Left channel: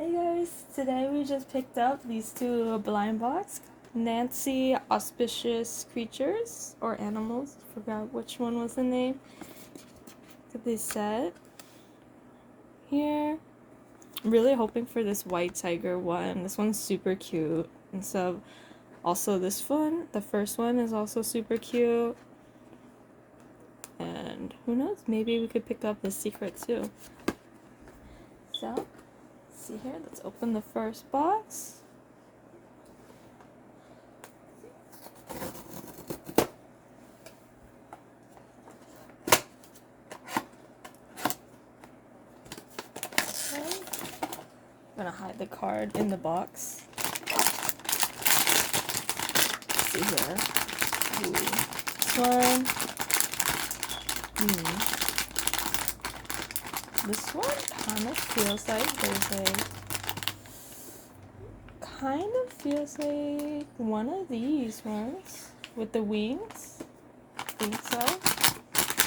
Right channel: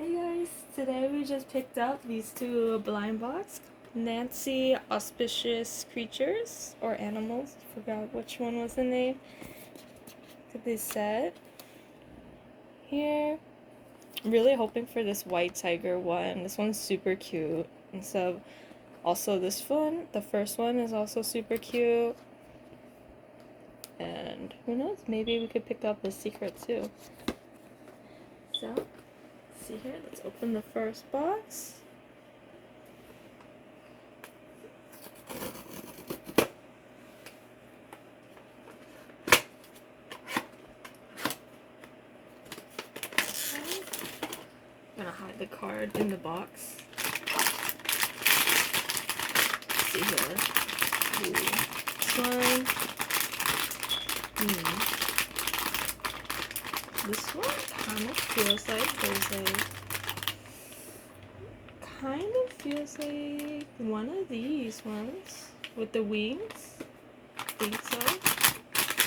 Hey guys, today we just picked up these two blind box Nanci Auspicious creatures or animals. Forgot which one was the name that they said. Here, I'm really hoping for this white tiger one. This one's super cute. And so also this one, the first one is also super cute. And who knows, maybe we could pick up the secret too. So, see here, let's open the first box. I'm gonna hide the card in the box. Let's see here. Ooh. This one. This one kind of feels like feels like one of these ones with the wings. I think so.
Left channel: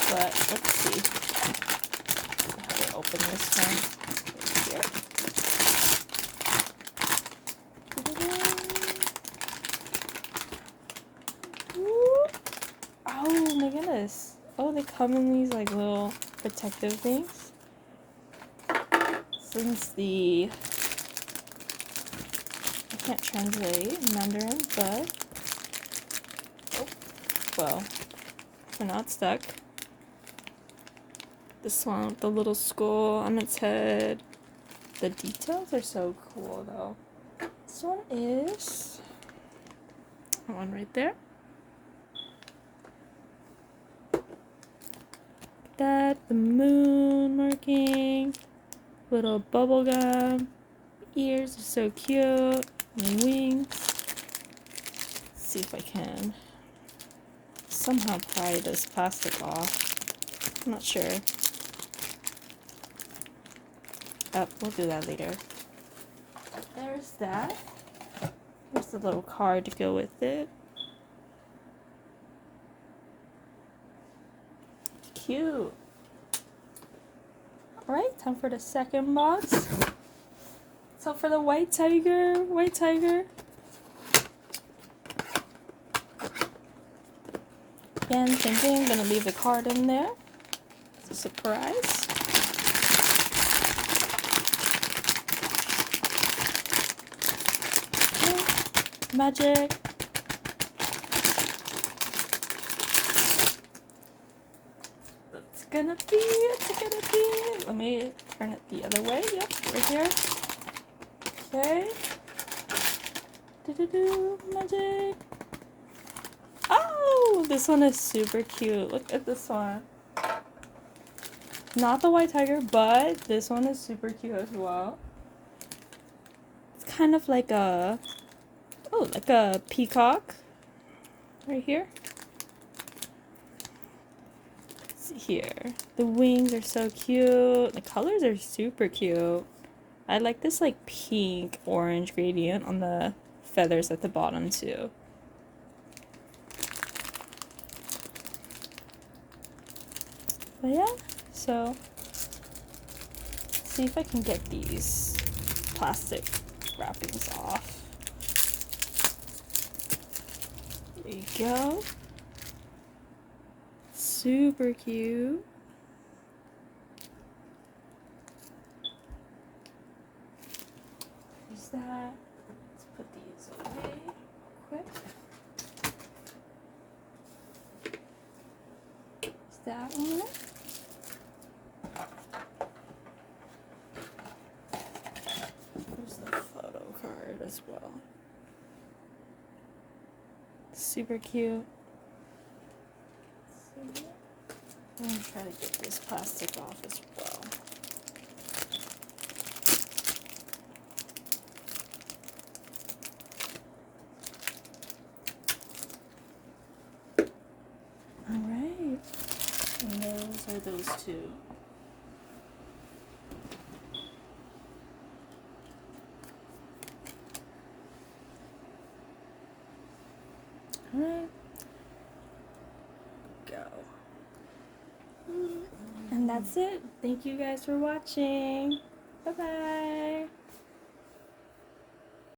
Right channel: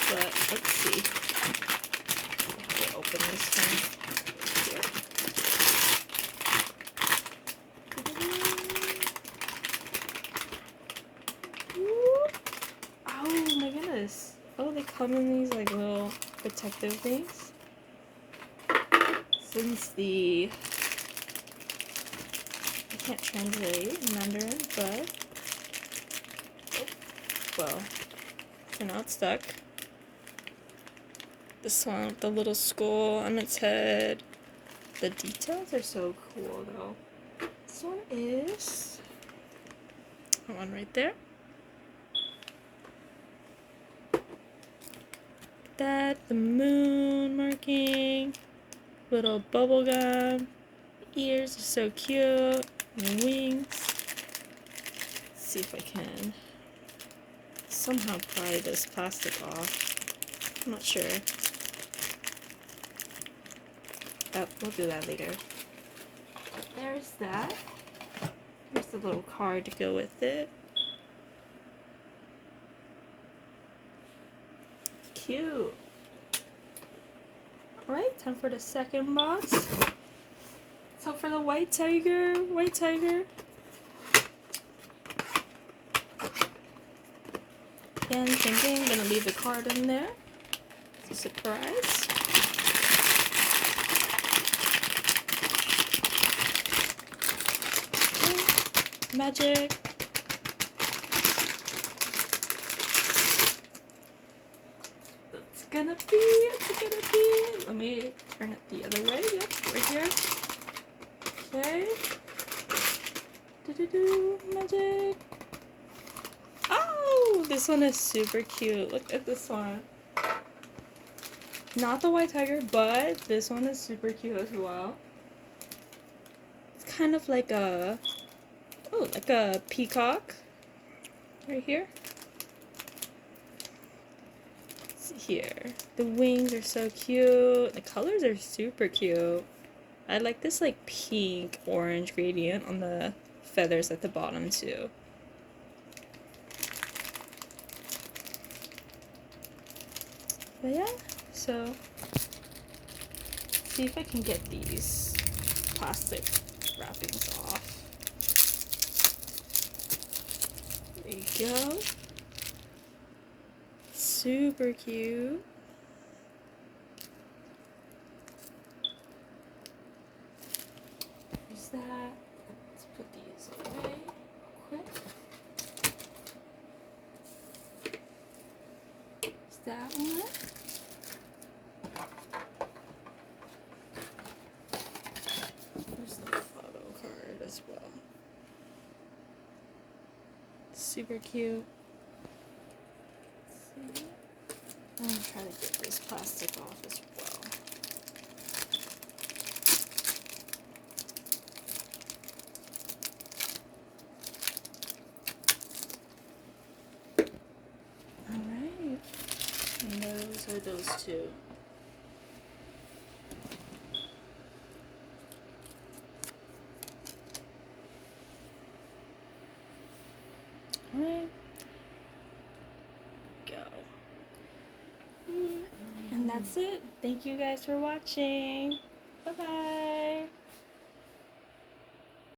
But let's see. I have to open this one here. Oh my goodness. Oh, they come in these like little protective things. Since I can't translate Mandarin, but well, they're not stuck. This one with the little skull on its head. The details are so cool though. This one is one right there. That the moon marking, little bubble gum, ears are so cute, and wings. Let's see if I can somehow pry this plastic off. I'm not sure. Oh, we'll do that later. There's that. Here's the little card to go with it. Cute. Alright, time for the second box. So for the white tiger. Again, thinking I'm gonna leave the card in there. It's a surprise. Magic. It's gonna be. Let me turn it the other way. Yep, right here. Okay. Magic. Oh, this one is super cute. Look at this one. Not the white tiger, but this one is super cute as well. It's kind of like a peacock right here. Let's see here. The wings are so cute. The colors are super cute. I like this like pink orange gradient on the feathers at the bottom too. But yeah, so see if I can get these plastic wrappings off. There you go. Super cute. There's that. Let's put these away quick. There's that one. There's the photo card as well. Super cute. I'm gonna try to get this plastic off as well. Alright. And those are those two. Alright. Go. And that's it. Thank you guys for watching. Bye bye.